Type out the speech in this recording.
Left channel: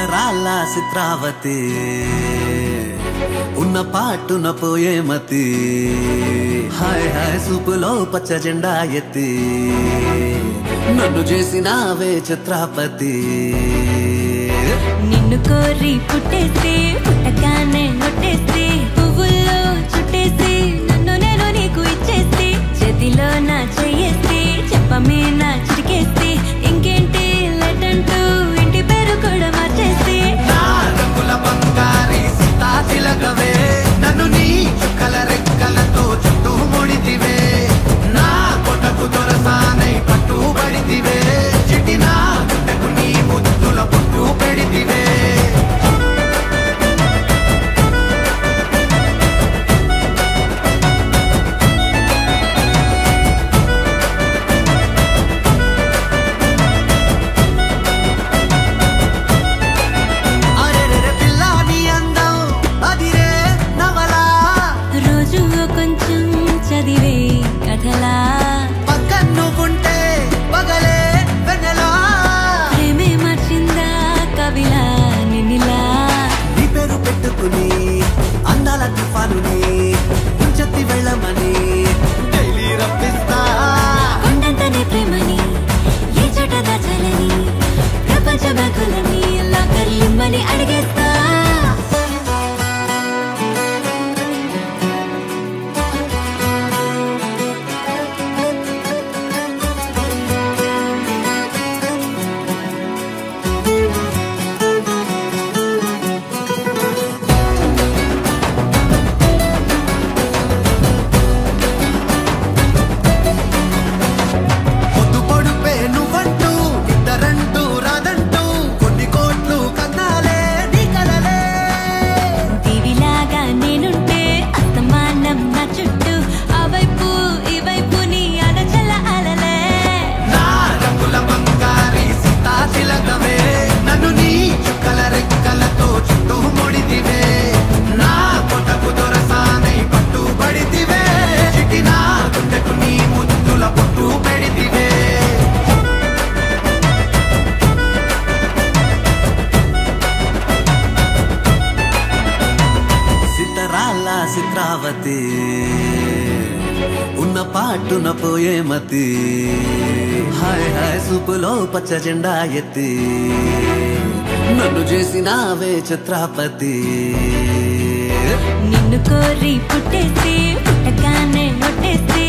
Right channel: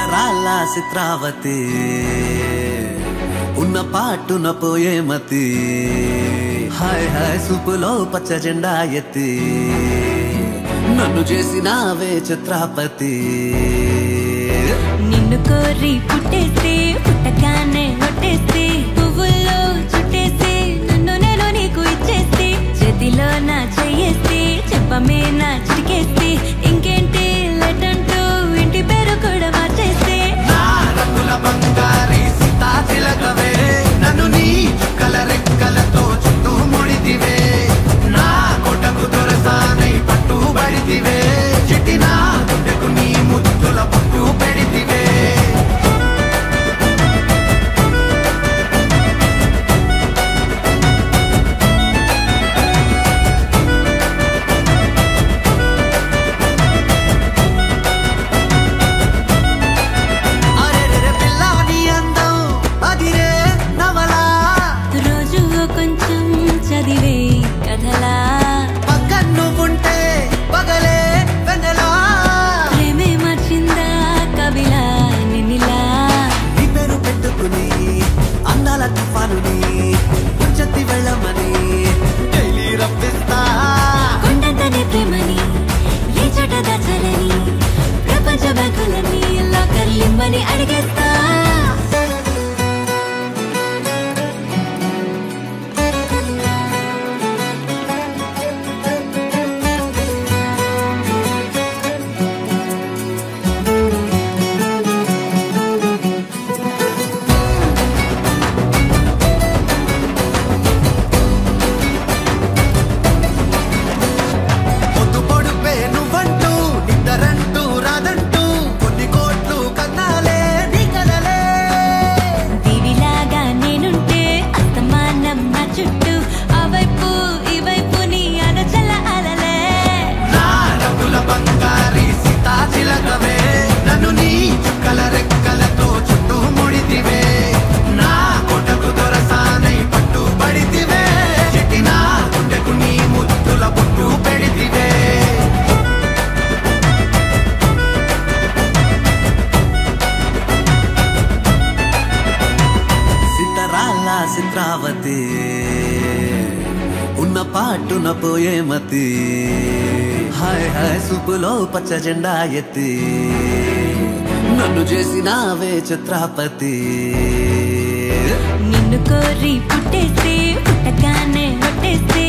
సితరాల చిత్రావతి ఉన్న పాటున పోయే మతి హాయ్ హాయ్ సూపులో పచ్చ జెండా ఎత్తి నన్ను చేసినావే చిత్రాపతి నిన్ను కోరి పుట్టేస్తే పుట్టగానే ఒట్టేస్తే పువ్వుల్లో చుట్టేస్తే నన్ను నేను నీకు ఇచ్చేస్తే చేతిలో నా చెయ్యేస్తే చెప్పమే నా చిటికేస్తే ఇంకేంటి లెటంటూ ఇంటి పేరు కూడా మార్చేస్తే నా రంగుల బంగారి సీతా చిలకవే నన్ను నీ చుక్కల రెక్కలతో చుట్టూ ముడితివే నా కొటకు దొరసానై పట్టుబడితివే చిట్టి నా గుడ్డకు నీ ముద్దుల పొట్టు పెడితివే కొంచెం చదివే కథలా పక్కన నువ్వుంటే పగలే వెన్నెలా ప్రేమే మార్చిందా కవిలా నిన్నిలా నీ పేరు పెట్టుకుని అందాల తుఫానుని ఉంచెత్తి వెళ్ళమని డైలీ రప్పిస్తా కొండంతనే ప్రేమని ఏ చోట దాచాలని ప్రపంచ బ్యాంకులని లాకర్లిమ్మని అడిగేస్తా నువ్వంటూ నిద్దరంటూ రాదంటూ కొన్ని కోట్లు కన్నాలే నీ కలలే దివిలాగా నేనుంటే అస్తమానం నా చుట్టూ ఆ వైపు ఈ వైపు నీ అలచల అలలే నా రంగుల బంగారి సీతా చిలకవే నన్ను నీ చుక్కల రెక్కలతో చుట్టూ ముడితివే నా కొటకు దొరసానై పట్టుబడితివే చిట్టి నా గుండెకు నీ ముద్దుల పొట్టు పెడితివే సితరాల చిత్రావతి ఉన్న పాటున పోయే మతి హాయ్ హాయ్ సూపులో పచ్చ జెండా ఎత్తి నన్ను చేసినావే చిత్రాపతి నిన్ను కోరి పుట్టేస్తే పుట్టగానే ఒట్టేస్తే